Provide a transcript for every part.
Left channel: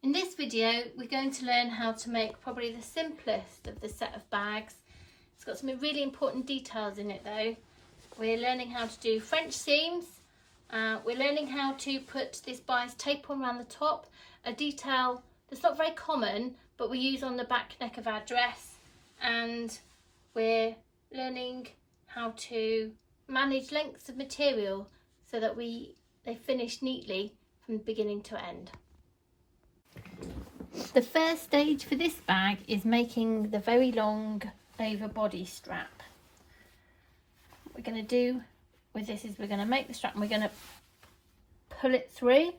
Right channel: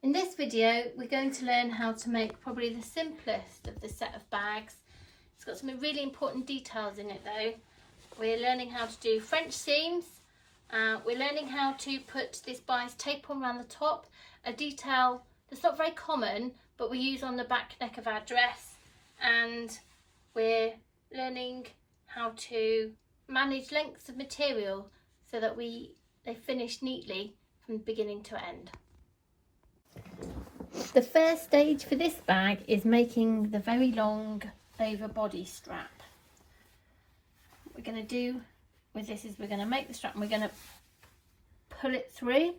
In this video we're going to learn how to make probably the simplest of the set of bags. It's got some really important details in it though. We're learning how to do French seams, we're learning how to put this bias tape on around the top, a detail that's not very common but we use on the back neck of our dress, and we're learning how to manage lengths of material so that they finish neatly from beginning to end. The first stage for this bag is making the very long over body strap. What we're going to do with this is we're going to make the strap and we're going to pull it through.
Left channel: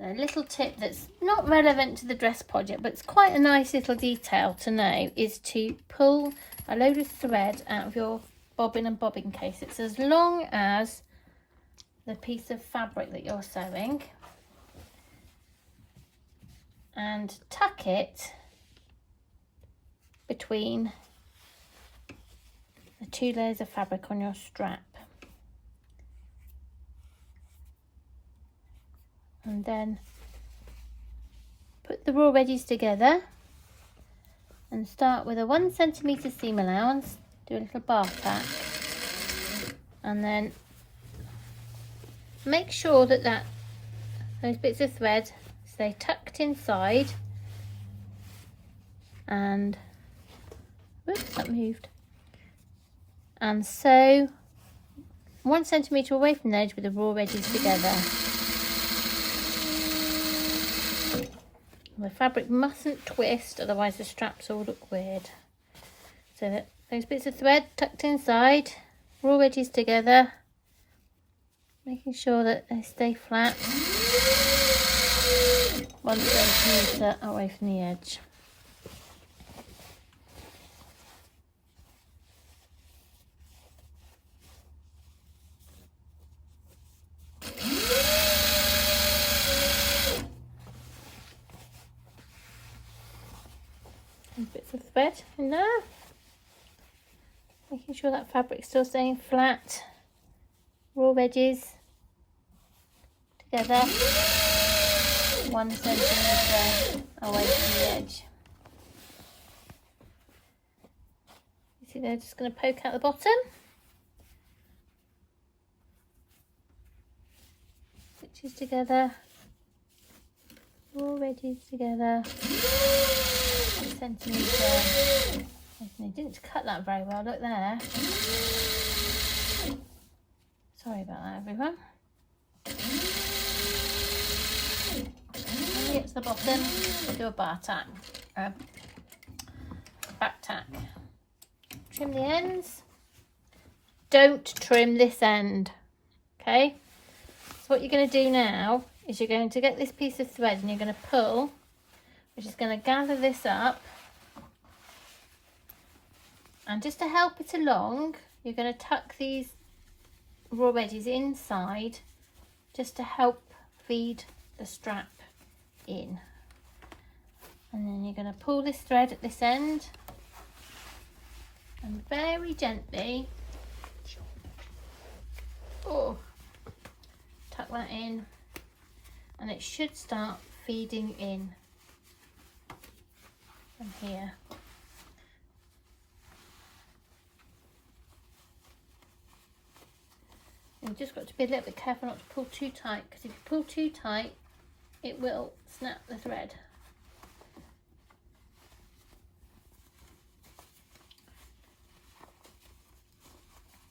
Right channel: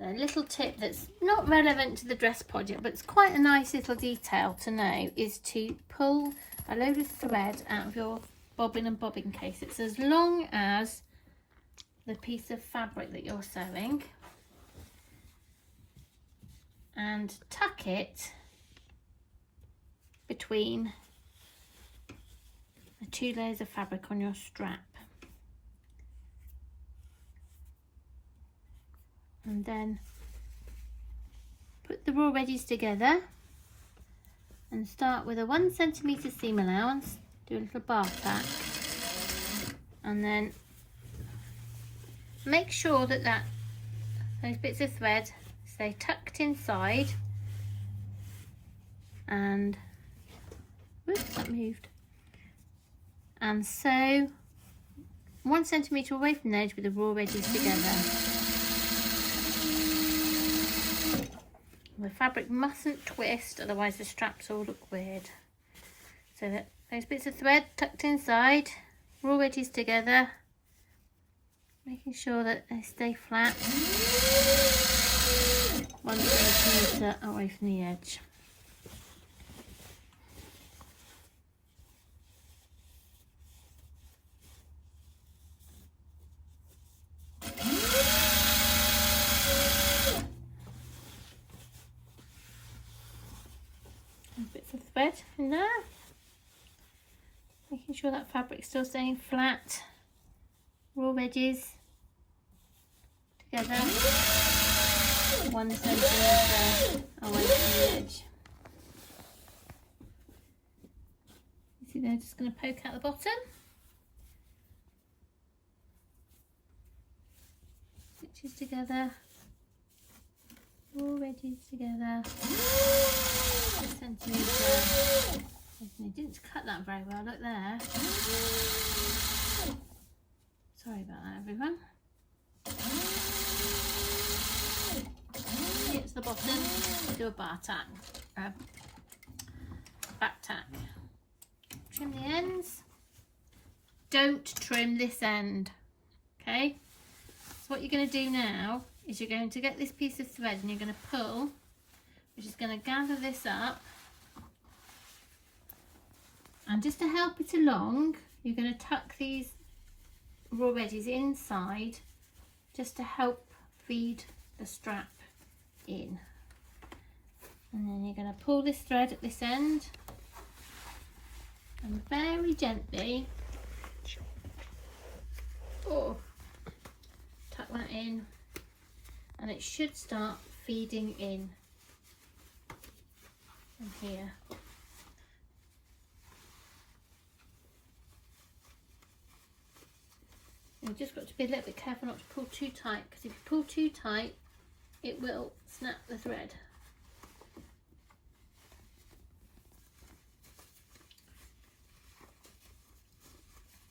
A little tip that's not relevant to the dress project but it's quite a nice little detail to know is to pull a load of thread out of your bobbin and bobbin case. It's as long as the piece of fabric that you're sewing, and tuck it between the two layers of fabric on your strap, and then put the raw edges together and start with a 1 centimetre seam allowance. Do a little bar tack and then make sure that those bits of thread stay tucked inside, and whoops, that moved, and sew 1 centimetre away from the edge with the raw edges together. The fabric mustn't twist, otherwise the straps all look weird. So that those bits of thread tucked inside, raw edges together, making sure that they stay flat. 1 centimetre away from the edge. And bits of thread in there, making sure that fabric's still staying flat. Raw edges together. 1 centimetre away from the edge. You see they're just going to poke out the bottom. Stitches together, raw edges together. 1 centimetre. They didn't cut that very well, look there. Sorry about that everyone. Get to the bottom, do a bar tack, back tack. Trim the ends. Don't trim this end. Okay. So what you're going to do now is you're going to get this piece of thread and you're going to pull, which is going to gather this up. And just to help it along, you're going to tuck these raw edges inside, just to help feed the strap in. And then you're going to pull this thread at this end and very gently tuck that in, and it should start feeding in from here. You've just got to be a little bit careful not to pull too tight, because if you pull too tight it will snap the thread.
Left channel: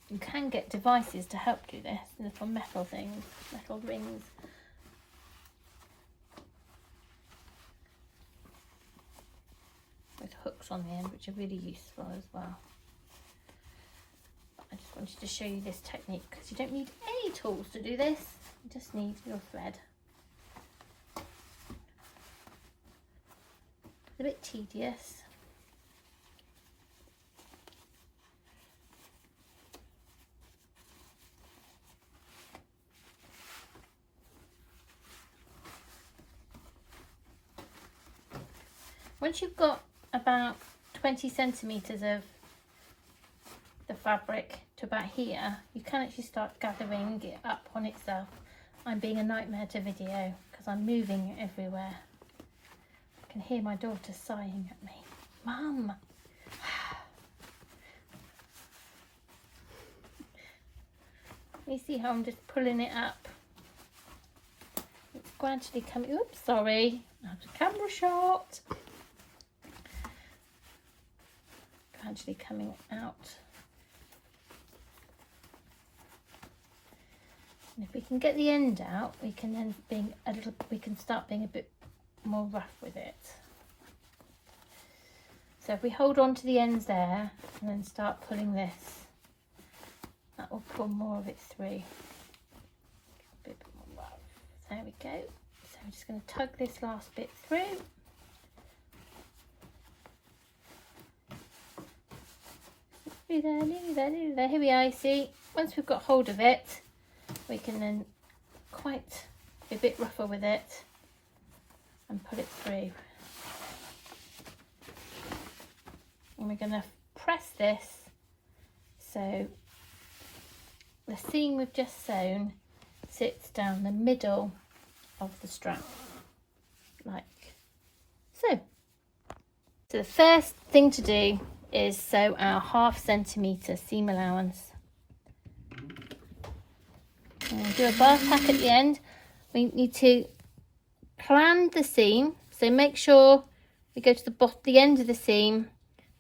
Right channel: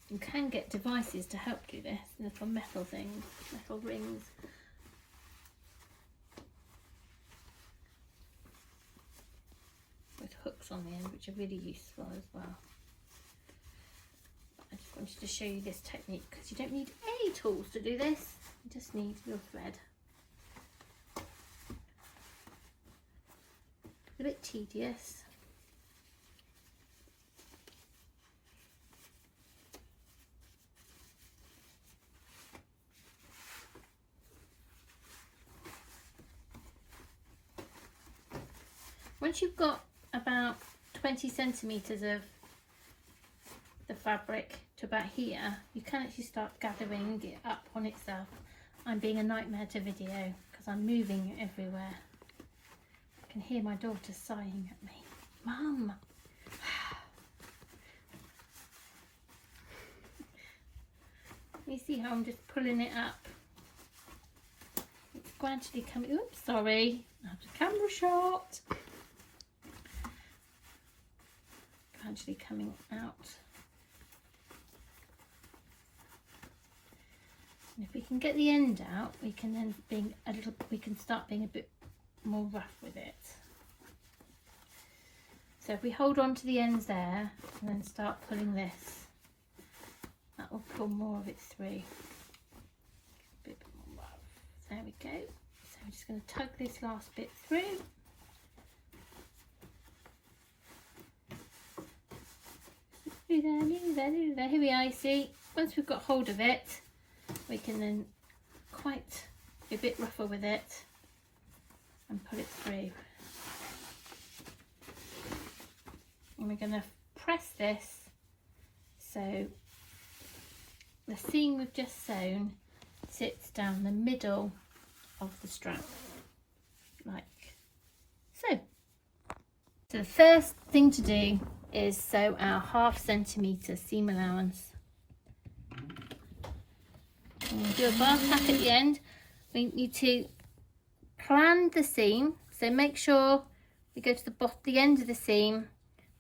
You can get devices to help do this, little metal things, metal rings. With hooks on the end, which are really useful as well. I just wanted to show you this technique because you don't need any tools to do this, you just need your thread. A bit tedious. Once you've got about 20 centimetres of the fabric to about here, you can actually start gathering it up on itself. I'm being a nightmare to video because I'm moving it everywhere. can hear my daughter sighing at me. Mum. You see how I'm just pulling it up? It's gradually coming. Oops, sorry. Out of camera shot. Gradually coming out. And if we can get the end out, we can then we can start being a bit more rough with it. So if we hold on to the ends there and then start pulling this, that will pull more of it through. A bit more rough. There we go. So we're just going to tug this last bit through. Here we are, you see. Once we've got hold of it, we can then quite be a bit rougher with it and pull it through. And we're going to press this so the seam we've just sewn sits down the middle of the strap, like so. So the first thing to do is sew our 1/2 centimetre seam allowance. And we'll do a bar tack at the end. We need to plan the seam, so make sure we go to the end of the seam,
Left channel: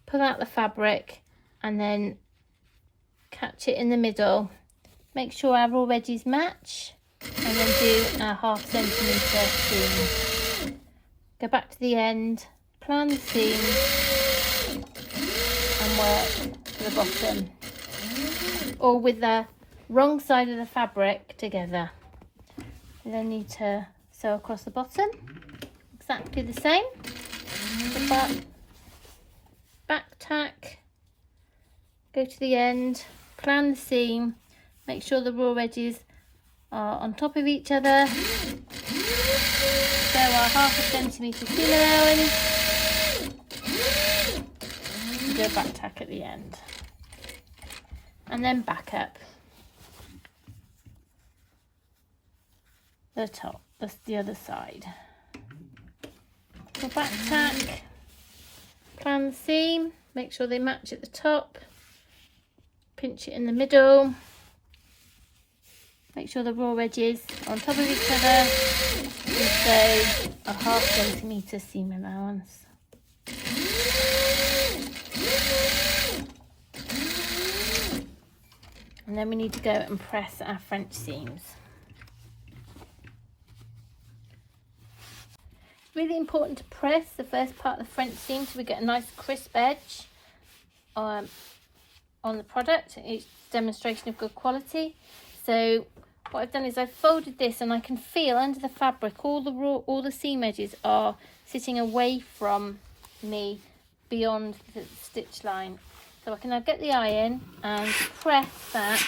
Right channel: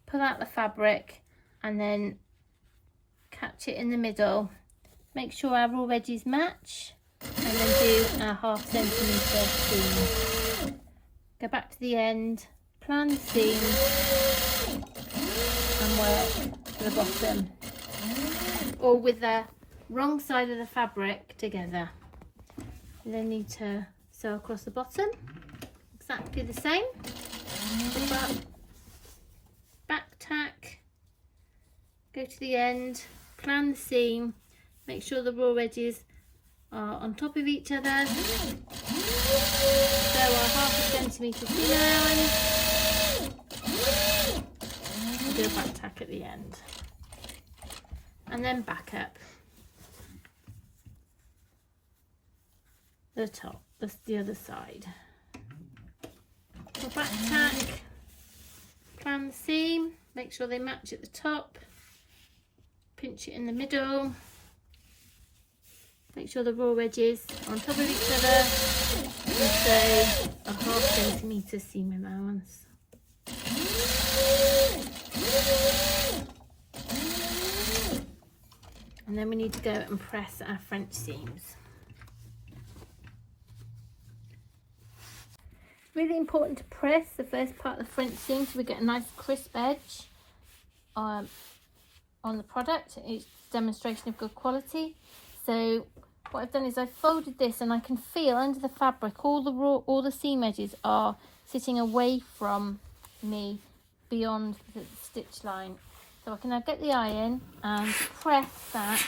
pull out the fabric and then catch it in the middle. Make sure our raw edges match and then do our 1/2 centimetre seam. Go back to the end, plan the seam and work to the bottom, or with the wrong side of the fabric together. You then need to sew across the bottom, exactly the same. Back tack, go to the end, plan the seam, make sure the raw edges are on top of each other. Sew our 1/2 centimetre seam allowance and do a back tack at the end. And then back up the top, that's the other side. So back tack, plan the seam, make sure they match at the top, pinch it in the middle, make sure the raw edges are on top of each other, and sew a 1/2 centimetre seam allowance. And then we need to go and press our French seams. Really important to press the first part of the French seam so we get a nice crisp edge on the product. It's a demonstration of good quality. So what I've done is I've folded this and I can feel under the fabric all the seam edges are sitting away from me beyond the stitch line. So I can now get the iron and press that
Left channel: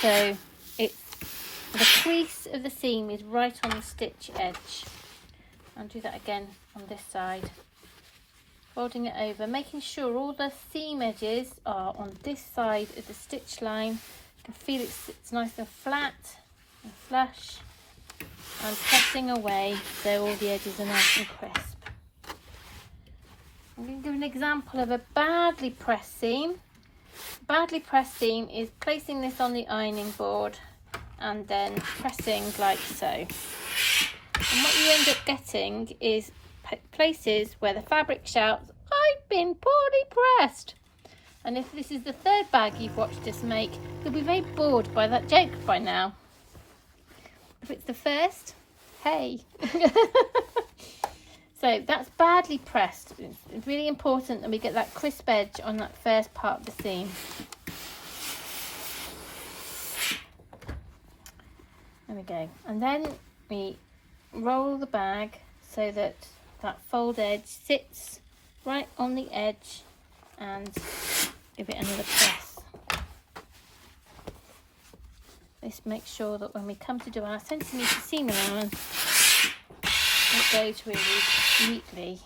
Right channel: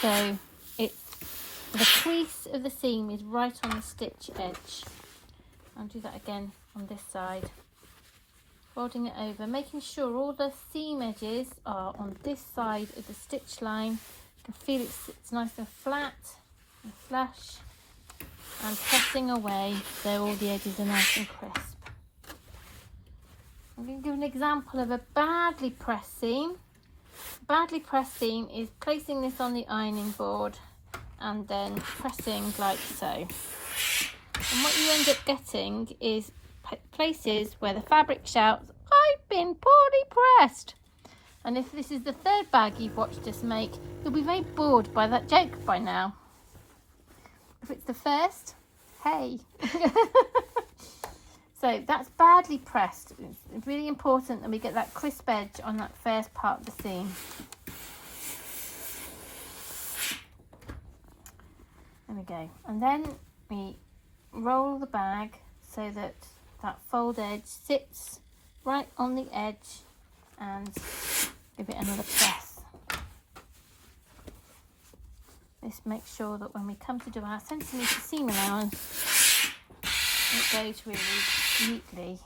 so the crease of the seam is right on the stitch edge. I'll do that again on this side, folding it over, making sure all the seam edges are on this side of the stitch line. You can feel it's nice and flat and flush, and pressing away so all the edges are nice and crisp. I'm going to give an example of a badly pressed seam. A badly pressed seam is placing this on the ironing board and then pressing like so. And what you end up getting is places where the fabric shouts, "I've been poorly pressed." And if this is the third bag you've watched us make, you'll be very bored by that joke by now. If it's the first, hey. So that's badly pressed. It's really important that we get that crisp edge on that first part of the seam. There we go. And then we roll the bag so that that fold edge sits right on the edge and give it another press. This makes sure that when we come to do our centimetre seam allowance, it goes really neatly.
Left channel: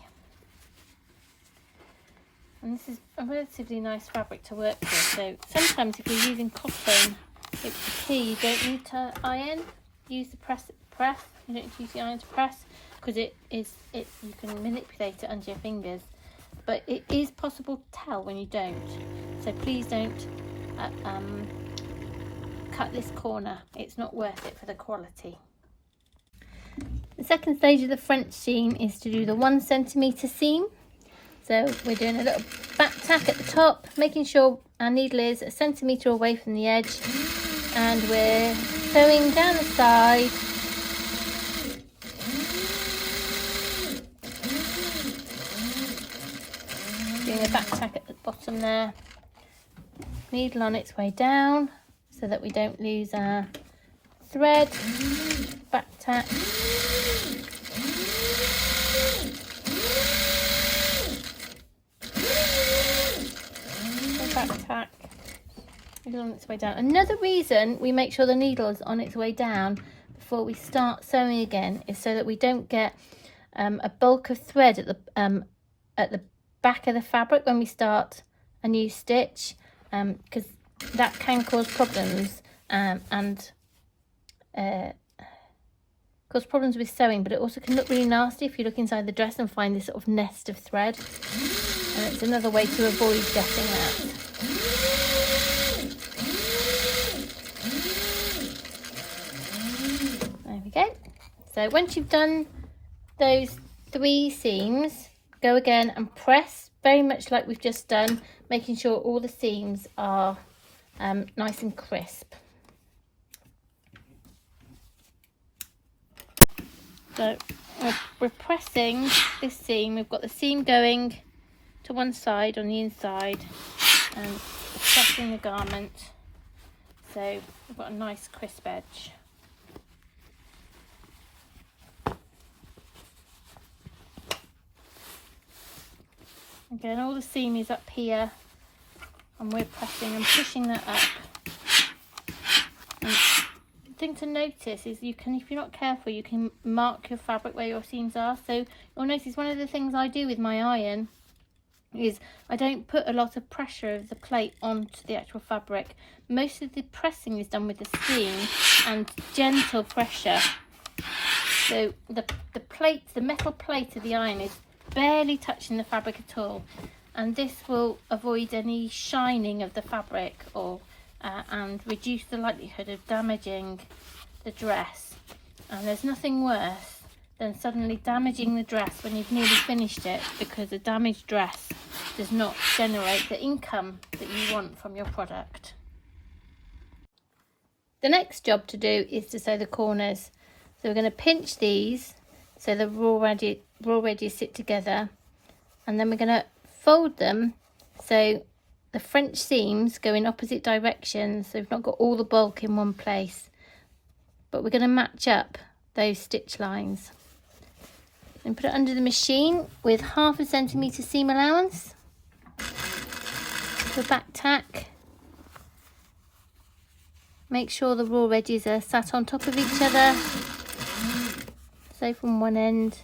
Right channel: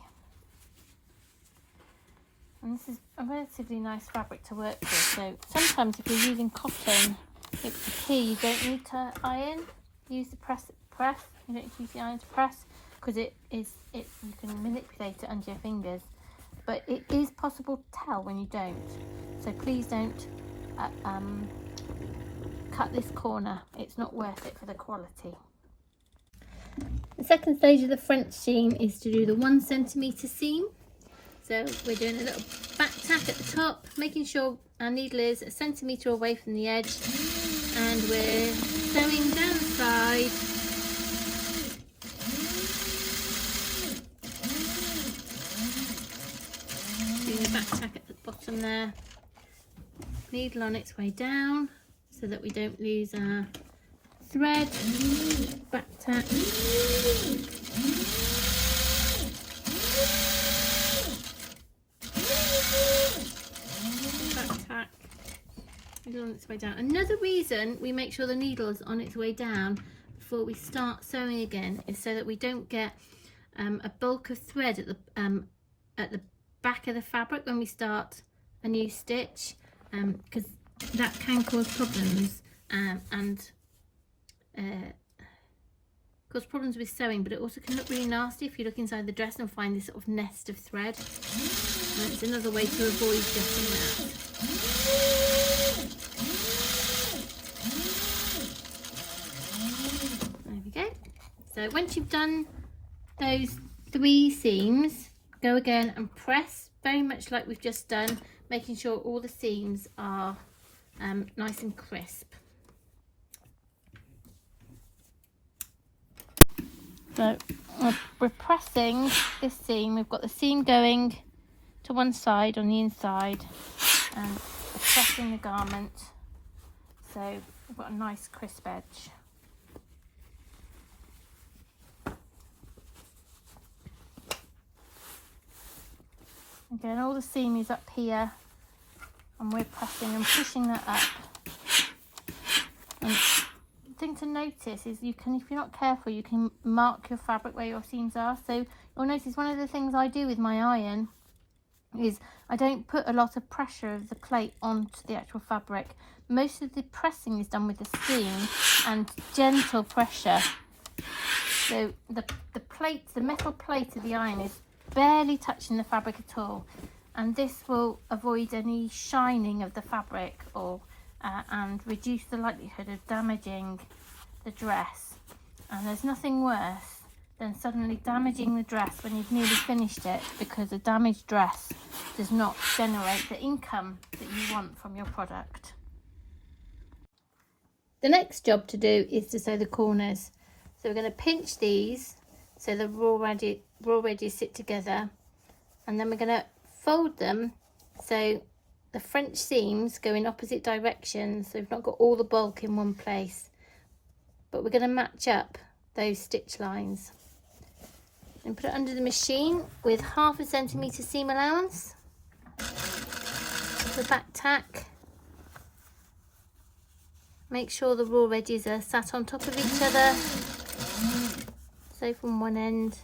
And this is a relatively nice fabric to work with, so sometimes if you're using cotton, it's the key. You don't need to iron, use the press. You don't need to use the iron to press, because because you can manipulate it under your fingers, but it is possible to tell when you don't. So please don't cut this corner. It's not worth it for the quality. The second stage of the French seam is to do the 1 centimetre seam. So we're doing a little back tack at the top, making sure our needle is a centimetre away from the edge, and we're sewing down the side. Doing a back tack at the bottom there. Needle on its way down so that we don't lose our thread. Back tack. Back tack. Needle on its way down. Another reason we make sure the needle's on its way down before we start sewing again is so that we don't get a bulk of thread at the back of the fabric when we start a new stitch, because that can cause problems and cause problems with sewing, but it also can look really nasty if you look inside the dress and find this sort of nest of thread, and it's another way to avoid getting that. There we go. So once you've done those 3 seams, go again and press very much like we've just done, making sure all the seams are nice and crisp. So we're pressing this seam. We've got the seam going to one side on the inside and pressing the garment, so we've got a nice crisp edge. Again, all the seam is up here and we're pressing and pushing that up. And the thing to notice is if you're not careful, you can mark your fabric where your seams are. So you'll notice one of the things I do with my iron is I don't put a lot of pressure of the plate onto the actual fabric. Most of the pressing is done with the steam and gentle pressure. So the metal plate of the iron is barely touching the fabric at all, and this will avoid any shining of the fabric or and reduce the likelihood of damaging the dress. And there's nothing worse than suddenly damaging the dress when you've nearly finished it, because a damaged dress does not generate the income that you want from your product. The next job to do is to sew the corners. So we're going to pinch these so the raw edges sit together, and then we're going to fold them so the French seams go in opposite directions, so we've not got all the bulk in one place, but we're going to match up those stitch lines. And put it under the machine with 1/2 centimetre seam allowance. The back tack. Make sure the raw edges are sat on top of each other. So from one end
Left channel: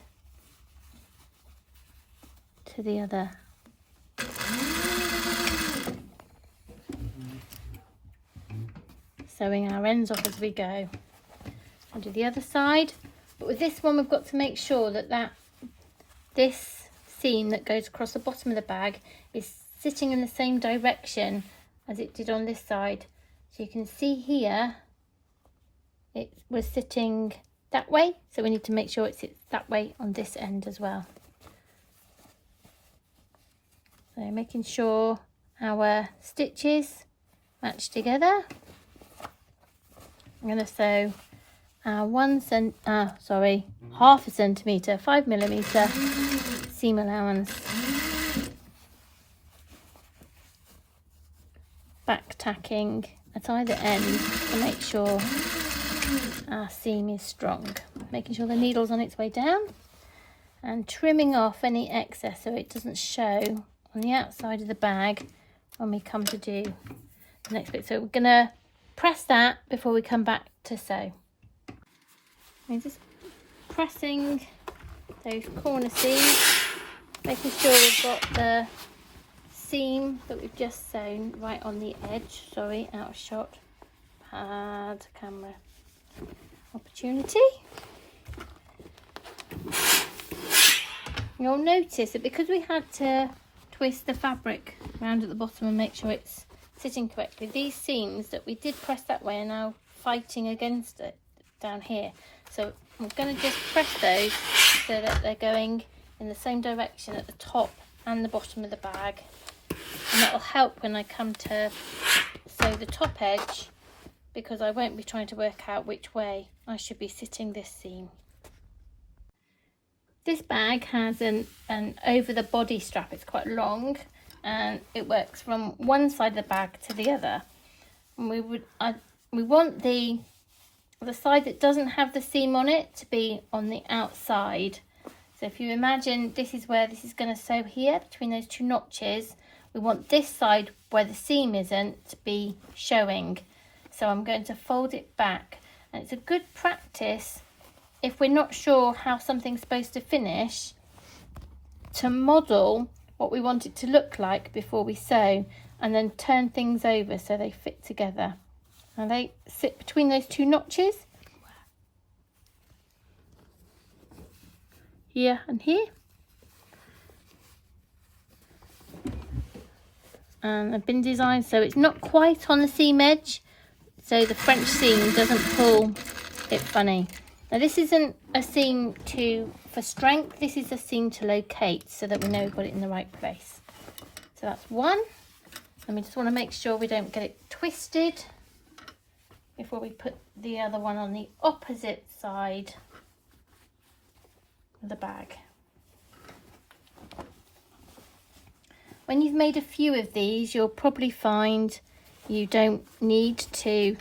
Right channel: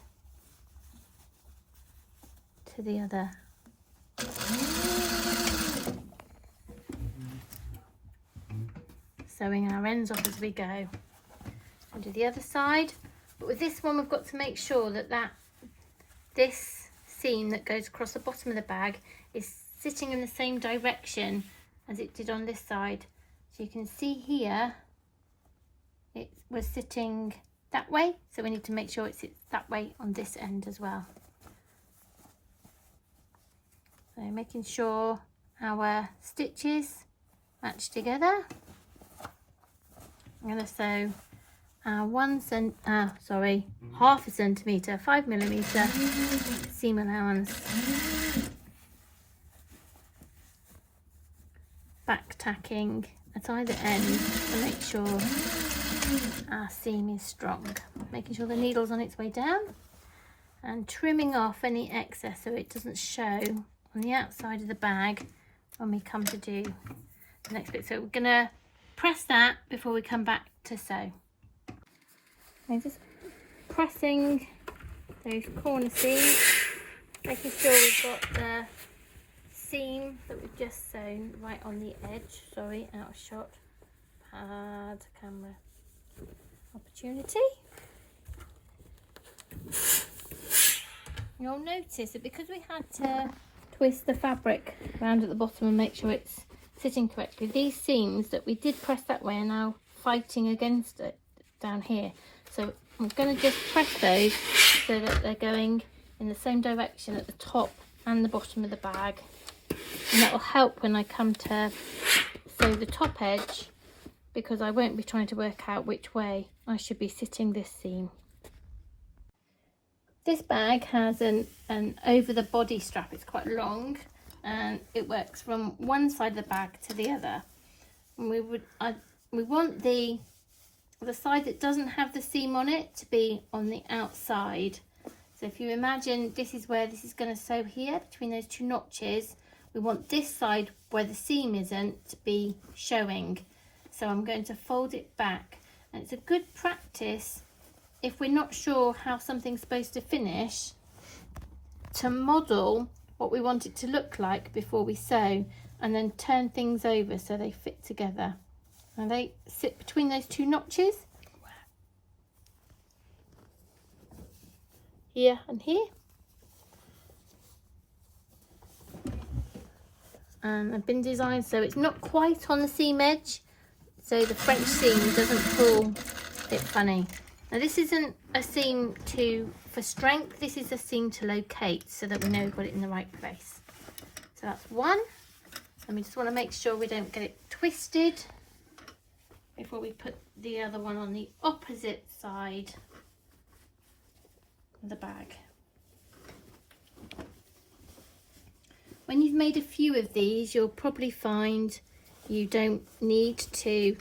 to the other. Sewing our ends off as we go. And do the other side. But with this one, we've got to make sure that this seam that goes across the bottom of the bag is sitting in the same direction as it did on this side. So you can see here it was sitting that way, so we need to make sure it sits that way on this end as well. So making sure our stitches match together. I'm going to sew our 1/2 centimetre 5mm seam allowance, back tacking at either end to make sure our seam is strong, making sure the needle's on its way down, and trimming off any excess so it doesn't show on the outside of the bag when we come to do the next bit. So we're going to press that before we come back to sew. I'm just pressing those corner seams, making sure we've got the seam that we've just sewn right on the edge. Sorry, out of shot. Bad camera opportunity. you'll notice that because we had to twist the fabric around at the bottom and make sure it's sitting correctly, these seams that we did press that way are now fighting against it down here. So I'm going to just press those so that they're going in the same direction at the top and the bottom of the bag, and that will help when I come to sew the top edge, because I won't be trying to work out which way I should be sitting this seam. This bag has an over the body strap. It's quite long and it works from one side of the bag to the other. And we want the side that doesn't have the seam on it to be on the outside. So if you imagine this is where this is going to sew here between those two notches, we want this side where the seam isn't to be showing. So I'm going to fold it back, and it's a good practice if we're not sure how something's supposed to finish, to model what we want it to look like before we sew, and then turn things over so they fit together. And they sit between those two notches, here and here. And they've been designed so it's not quite on the seam edge, so the French seam doesn't pull it funny. Now this isn't a seam for strength, this is a seam to locate so that we know we've got it in the right place. So that's one, and we just want to make sure we don't get it twisted before we put the other one on the opposite side of the bag. When you've made a few of these, you'll probably find you don't need to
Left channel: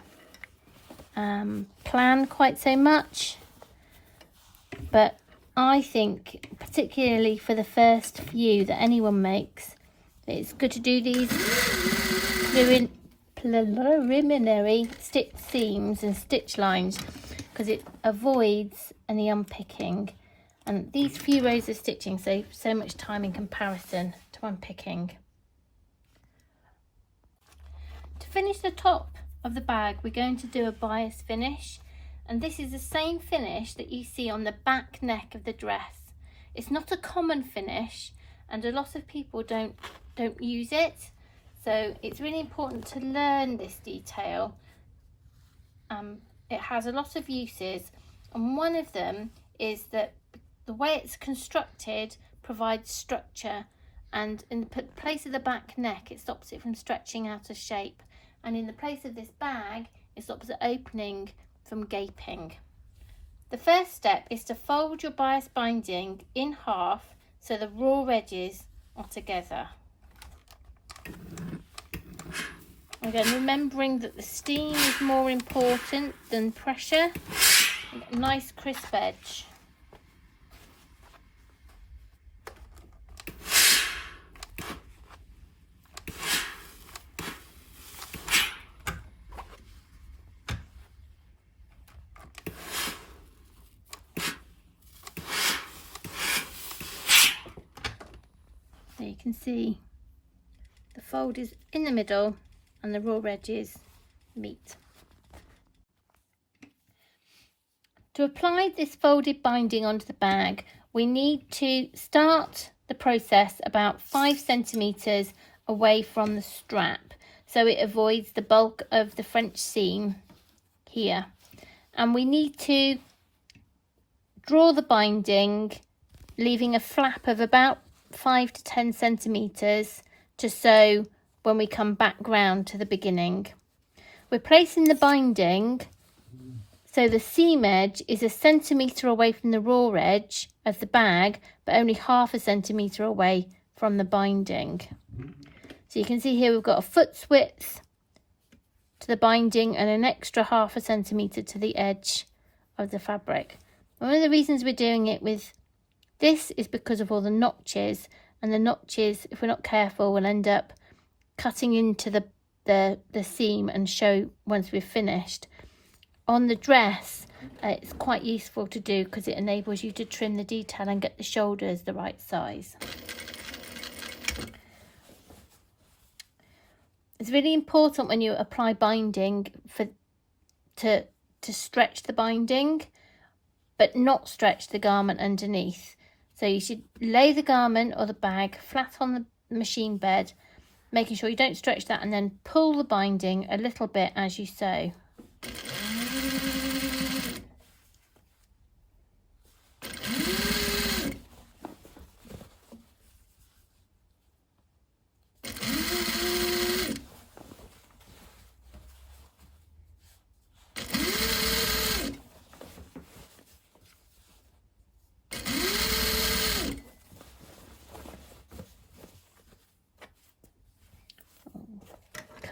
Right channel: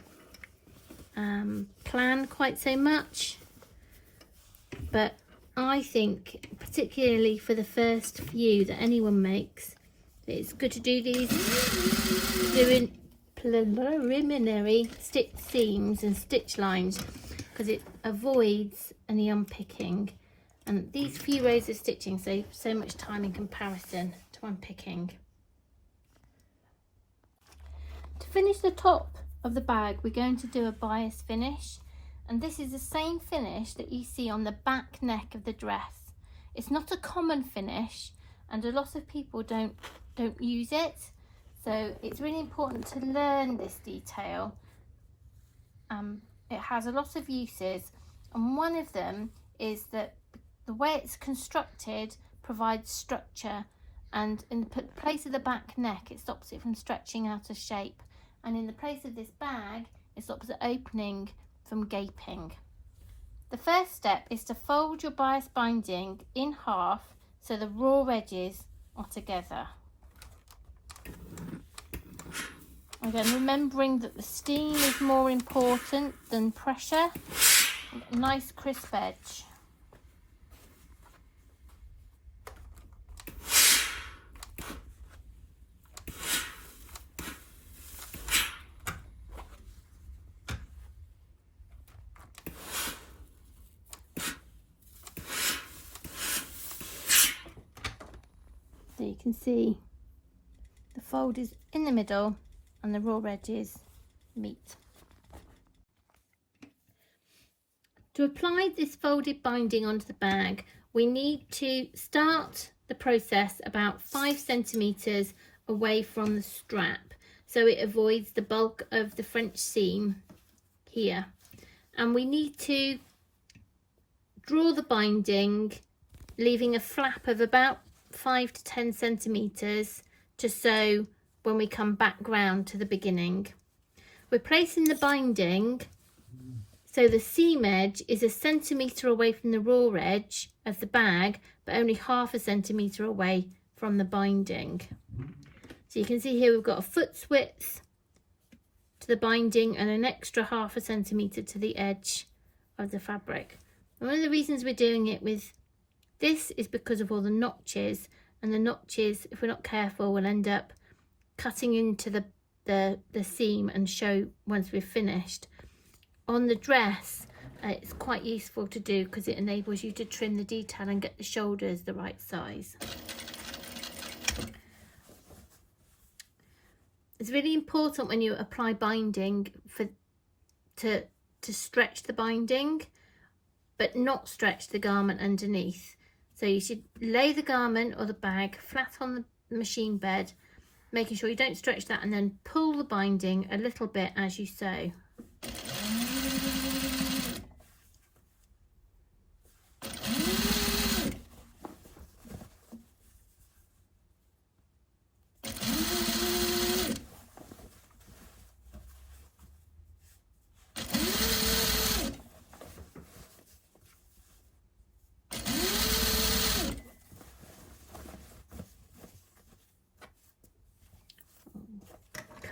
plan quite so much, but I think particularly for the first few that anyone makes, it's good to do these preliminary stitch seams and stitch lines, because it avoids any unpicking, and these few rows of stitching save so much time in comparison to unpicking. To finish the top of the bag, we're going to do a bias finish, and this is the same finish that you see on the back neck of the dress. It's not a common finish, and a lot of people don't use it, so it's really important to learn this detail. It has a lot of uses, and one of them is that the way it's constructed provides structure, and in the place of the back neck it stops it from stretching out of shape, and in the place of this bag it stops it opening from gaping. The first step is to fold your bias binding in half so the raw edges are together. Again, remembering that the steam is more important than pressure. A nice crisp edge. So you can see the fold is in the middle and the raw edges meet. To apply this folded binding onto the bag, we need to start the process about 5 centimetres away from the strap, so it avoids the bulk of the French seam here. And we need to draw the binding, leaving a flap of about 5 to 10 centimetres to sew when we come back round to the beginning. We're placing the binding so the seam edge is 1 centimetre away from the raw edge of the bag, but only 1/2 centimetre away from the binding. So you can see here we've got a foot's width to the binding and an extra 1/2 centimetre to the edge of the fabric. And one of the reasons we're doing it with this is because of all the notches, and the notches, if we're not careful, will end up cutting into the seam and show once we've finished. On the dress, it's quite useful to do because it enables you to trim the detail and get the shoulders the right size. It's really important when you apply binding to stretch the binding, but not stretch the garment underneath. So you should lay the garment or the bag flat on the machine bed, making sure you don't stretch that, and then pull the binding a little bit as you sew.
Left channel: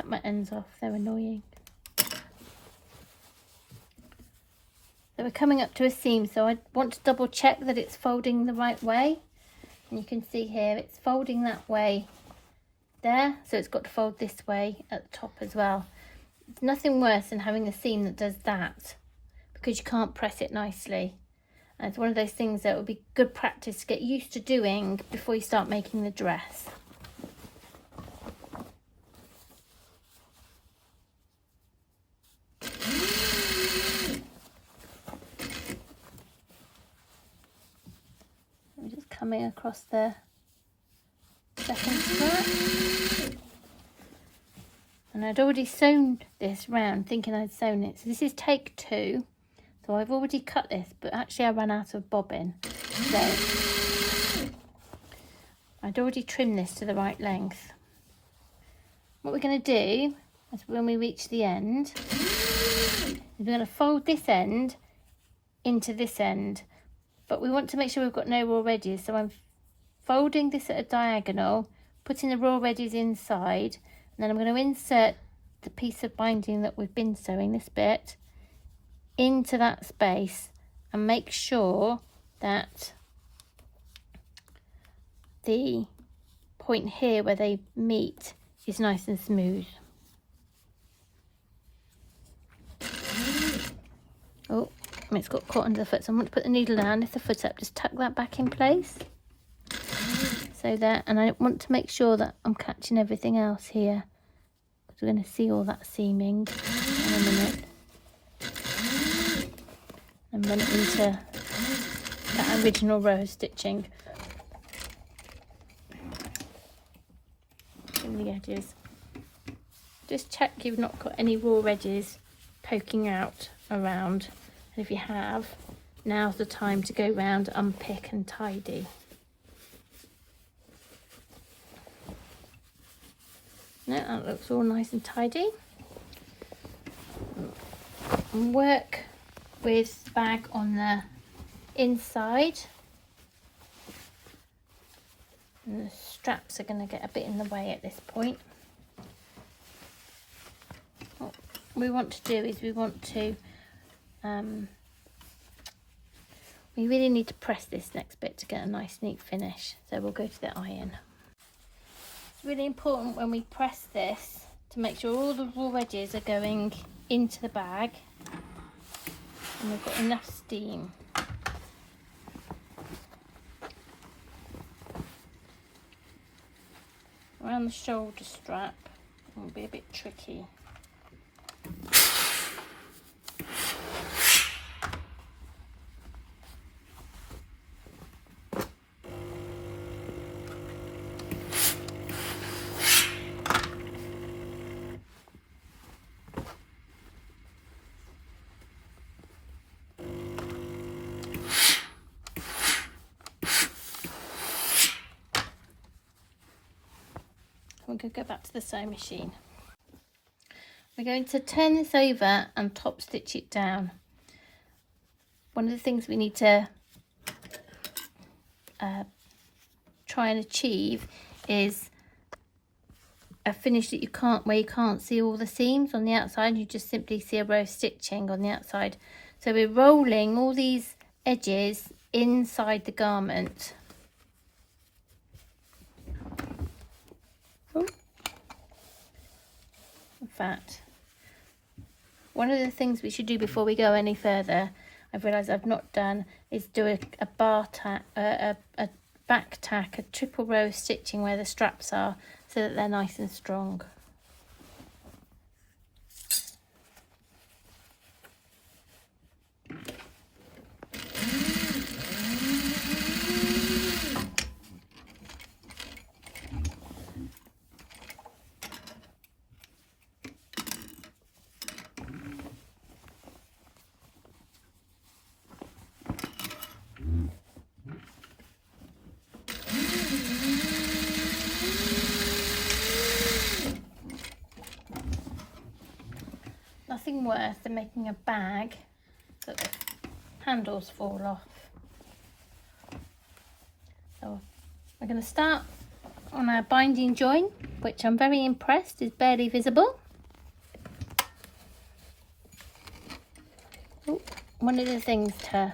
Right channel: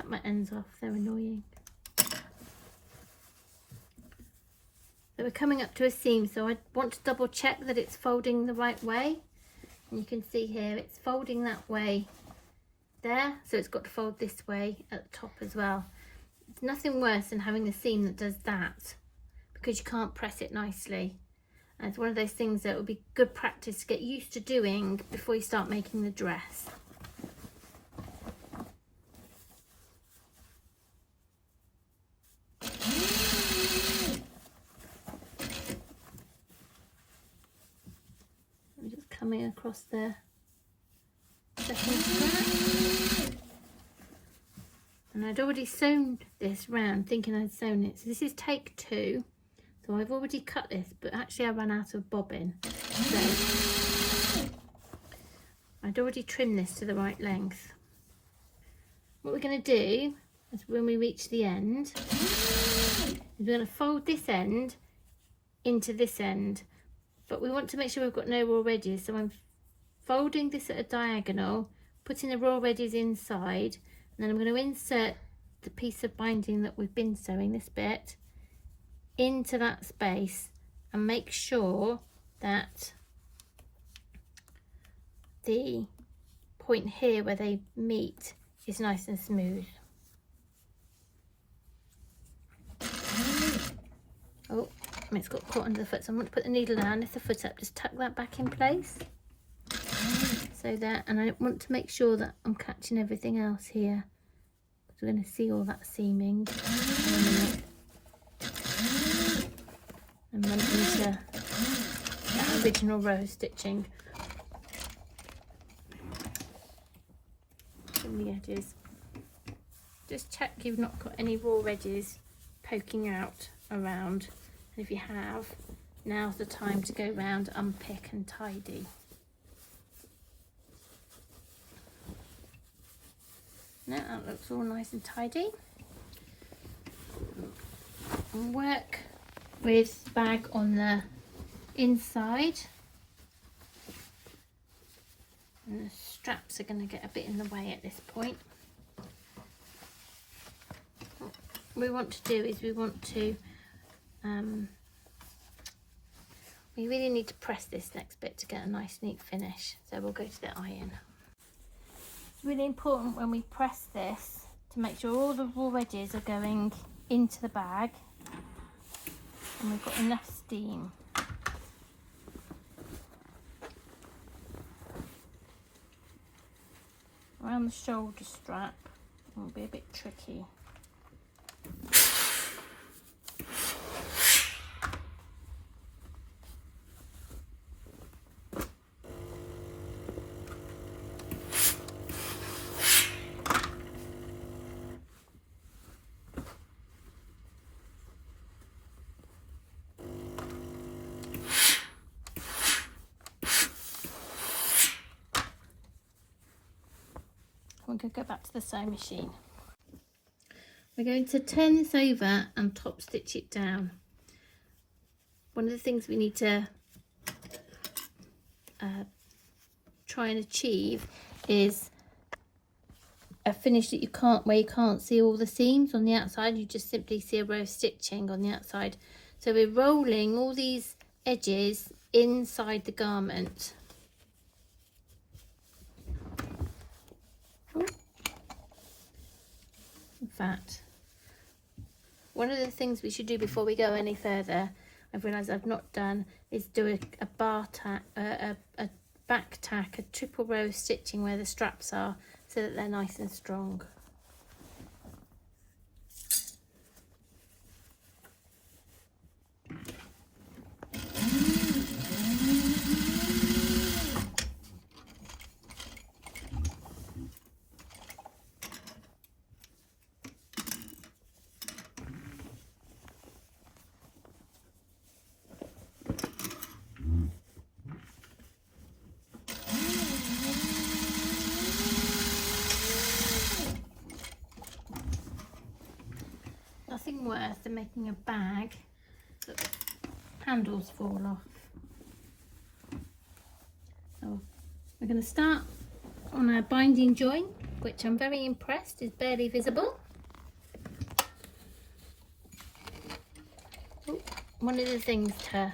My ends off, they're annoying. So we're coming up to a seam, so I want to double check that it's folding the right way, and you can see here it's folding that way there, so it's got to fold this way at the top as well. It's nothing worse than having a seam that does that, because you can't press it nicely, and it's one of those things that would be good practice to get used to doing before you start making the dress. Coming across the second strap, and I'd already sewn this round thinking I'd sewn it, so this is take 2, so I've already cut this, but actually I ran out of bobbin, so I'd already trimmed this to the right length. What we're going to do is, when we reach the end, is we're going to fold this end into this end. But we want to make sure we've got no raw edges, so I'm folding this at a diagonal, putting the raw edges inside, and then I'm going to insert the piece of binding that we've been sewing, this bit, into that space, and make sure that the point here where they meet is nice and smooth. Oh, it's got caught under the foot, so I want to put the needle down, lift the foot up, just tuck that back in place. So there, and I want to make sure that I'm catching everything else here, because we're going to see all that seaming in a minute. And run into that original row stitching in the edges. Just check you've not got any raw edges poking out around. And if you have, now's the time to go round, unpick and tidy. Now that looks all nice and tidy. And work with the bag on the inside. And the straps are going to get a bit in the way at this point. What we want to do is we want to we really need to press this next bit to get a nice neat finish, so we'll go to the iron. It's really important when we press this to make sure all the raw edges are going into the bag and we've got enough steam. Around the shoulder strap it will be a bit tricky. We're going to go back to the sewing machine. We're going to turn this over and top stitch it down. One of the things we need to try and achieve is a finish that where you can't see all the seams on the outside, you just simply see a row of stitching on the outside. So we're rolling all these edges inside the garment. In fact, one of the things we should do before we go any further, I've realised I've not done, is do a bar tack, a back tack, a triple row of stitching where the straps are, so that they're nice and strong. worse than making a bag that the handles fall off. So we're going to start on our binding joint, which I'm very impressed is barely visible. Ooh, one of the things to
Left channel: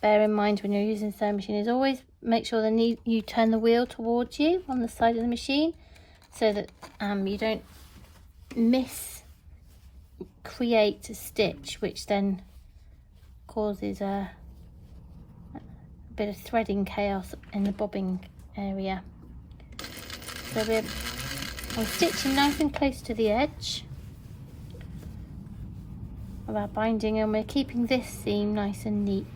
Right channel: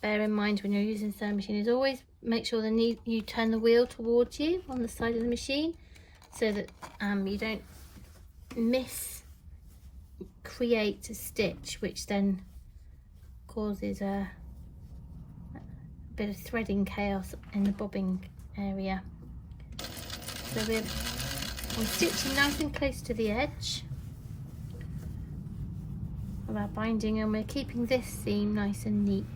bear in mind when you're using the sewing machine is always make sure you turn the wheel towards you on the side of the machine, so that you don't create a stitch, which then causes a bit of threading chaos in the bobbing area. So we're stitching nice and close to the edge of our binding, and we're keeping this seam nice and neat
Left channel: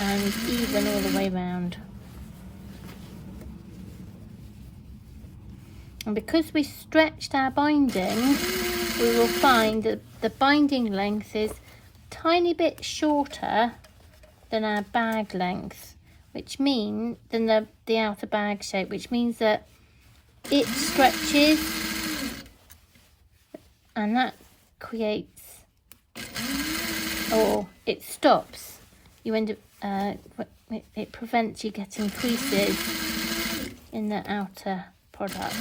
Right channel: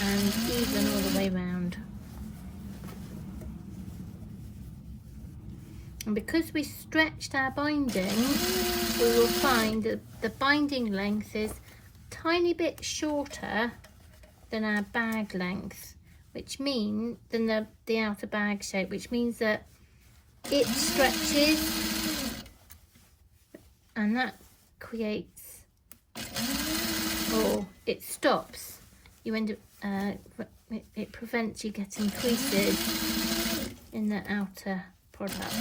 and even all the way round. And because we stretched our binding, we will find that the binding length is a tiny bit shorter than our bag length, which means than the outer bag shape, which means that it stretches and that creates, or it stops. You end up it prevents you getting creases in the outer product.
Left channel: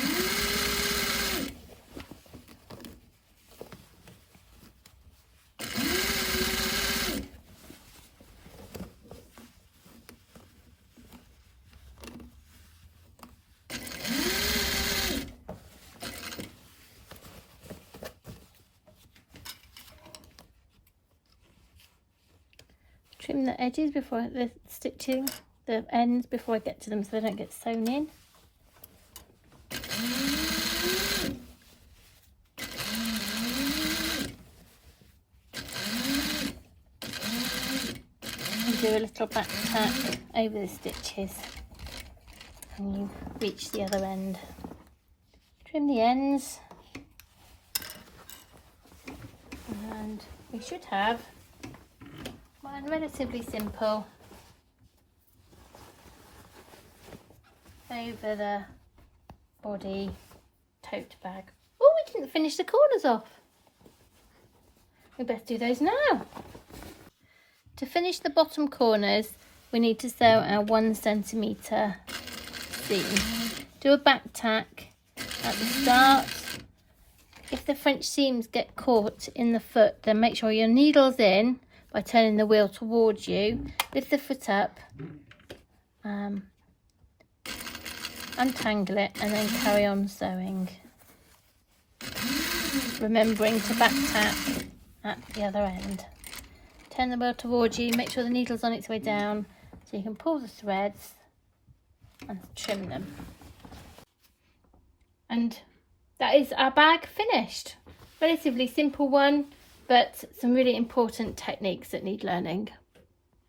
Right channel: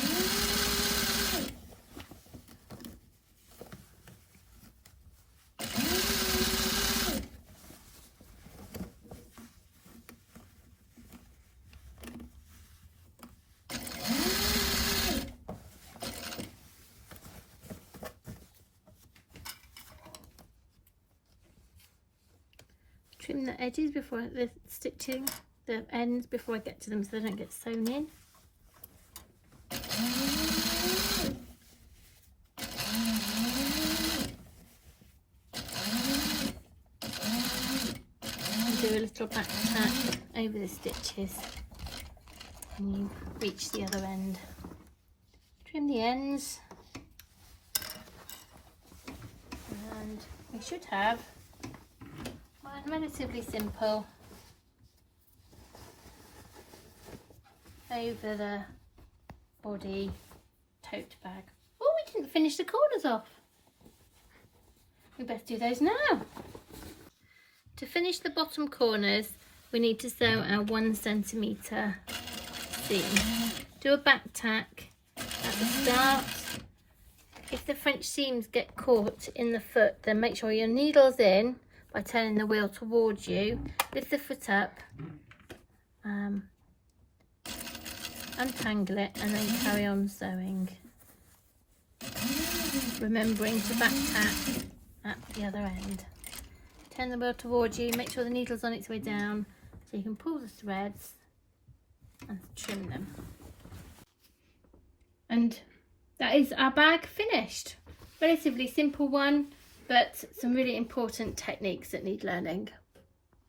Trim the edges before the stitching, the ends before I get to them, so they don't get sewn in. And do a little back tack over the stitches and you reach the other end. Trim the ends, and we should have one relatively simple over the body tote bag. Oh, we didn't finish the corners off. We best do those now. To finish the bottom corners, we need to sew our 1 centimetre seam. Do a back tack at the start. If the French seams get caught in the foot, then make sure your needle's in by turning the wheel towards you. Lift the foot up, untangle it, and then carry on sewing. Remembering to back tack at the other end. Turn the wheel towards you, make sure the needle's on its way down so you can pull the threads and trim them. And that is our bag finished. Relatively simple one, but some really important techniques that need learning.